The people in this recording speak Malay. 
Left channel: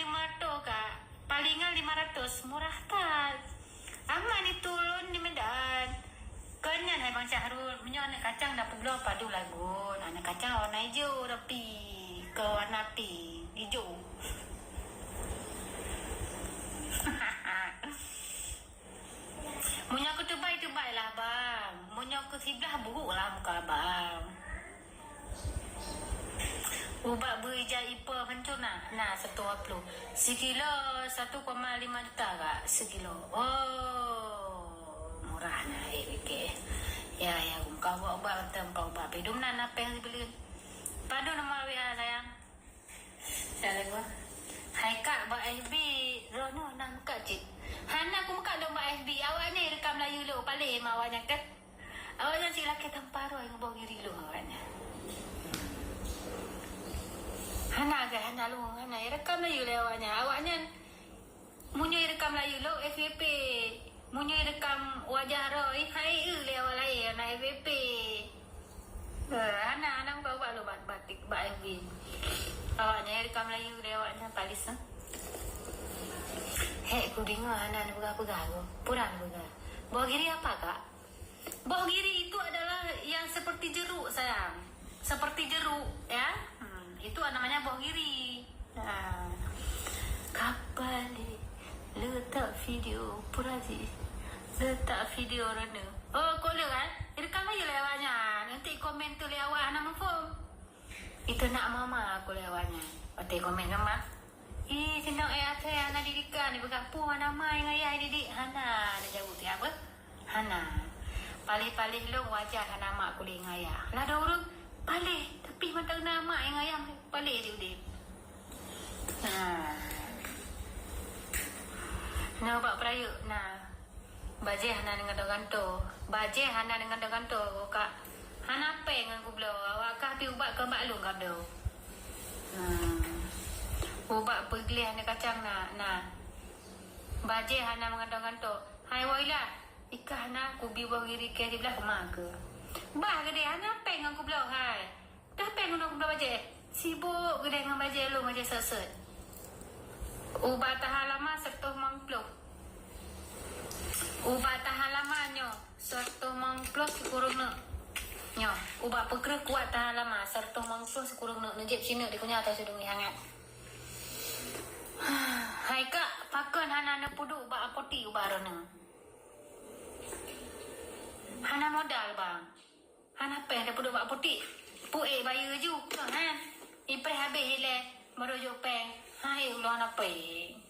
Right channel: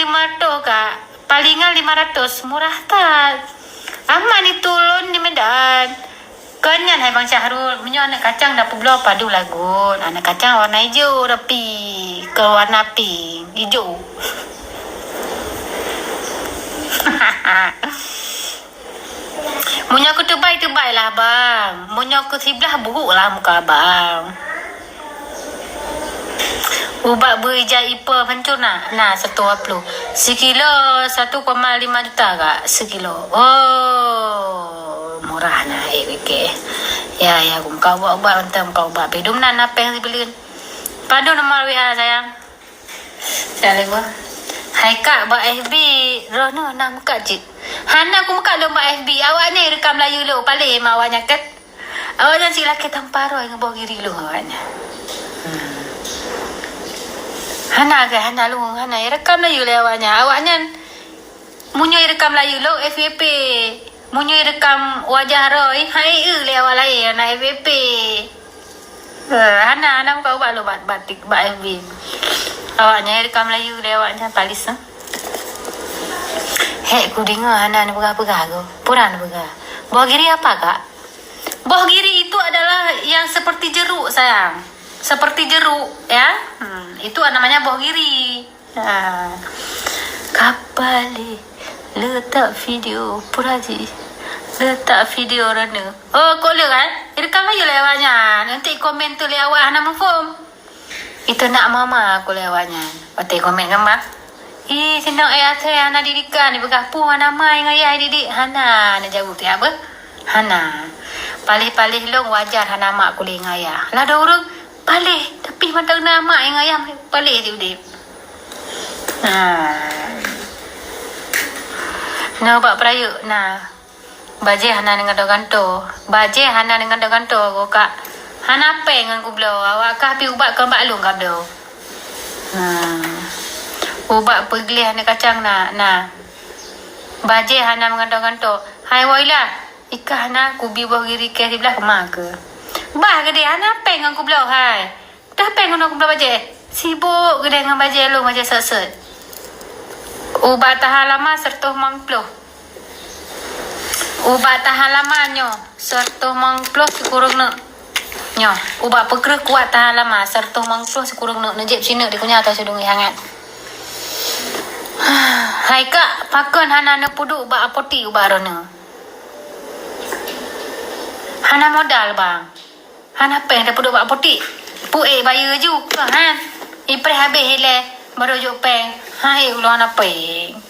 500 kak. Palingan 500. Murah tak? Aman ni turun di Medan. Kenyan hai Bang Syahrul. Punya anak kacang dah pulau padu lagun. Anak kacang warna hijau tapi ke warna pink. Hijau. Munya aku terbaik lah bang. Munya aku sebelah buruk lah muka abang. Ubat berijal IPA hancur nak? Nah, 120. Sekilo 1,5 juta kak. Sekilo. Oh, murah nah. Okay. Ya, aku muka ubat untuk muka ubat. Bedum nak apa yang dibeli. Padu nomor WA sayang. Saya lewa. Hai kak, buat FB. Rono nak muka cik. Hana aku muka lo buat FB. Awaknya rekam Melayu lo. Paling awaknya kan. Awaknya si laki tampar roh yang bawa kiri lo awaknya. Hana ke Hana lu Hana rekam Melayu le awaknya munyo rekam Melayu lo FVP munyo rekam wajah Roy hai le awak lain anak FVP Hana muka ubat lo batik FV awaknya rekam Melayu le awaknya palis hek ku dengar Hana ni pegah-pegah go puran pegah buah giri apa kak buah giri itu adalah yang seperti jeruk sayang seperti jeruk ya itu namanya buah giri. Kapali letak video puraji letak video rana. Oh kau lihat kan? Rekam aja lewatnya. Nanti komen tu lewat nama form. Itu nak mama aku lewatnya. Nanti komen gambar. Senang ayah saya anak didikan ni bergapuh nama yang ayah didik Hana nak jauh tu apa? Hana. Palih-palih long wajar Hana mak aku dengan ayah. Lah ada orang palih tapi mata nama yang ayah palih dia udip. Nah buat peraya nah. Baje Hana dengan doganto. Baje Hana dengan doganto ko kak. Hana peng dengan ku belo. Awak kah pi ubat ke mbak long kah belo. Ubat pergelih anak kacang nah. Baje Hana dengan doganto. Hai wailah. Ika Hana ku bi buah giri ke sebelah kemah ke. Bah gede Hana peng dengan ku belo hai. Dah peng dengan aku belo baje. Sibuk gede dengan baje lu baje set-set. Ubat tahan lama sertuh mangploh. Ubat tahan lama nyo sertuh mangploh sekurang nak. Nyo, ubat peker kuat tahan lama sertuh mangploh sekurang nak nejep sini di kunyah atau sudungi hangat. Hai kak, pakon Hana nak puduk ubat apoti ubat rona. Hana modal bang. Hana peng dah puduk ubat apoti. Puik bayar juga kan. Ipre habis hele baru juk peng. Hai ulo Hana peng.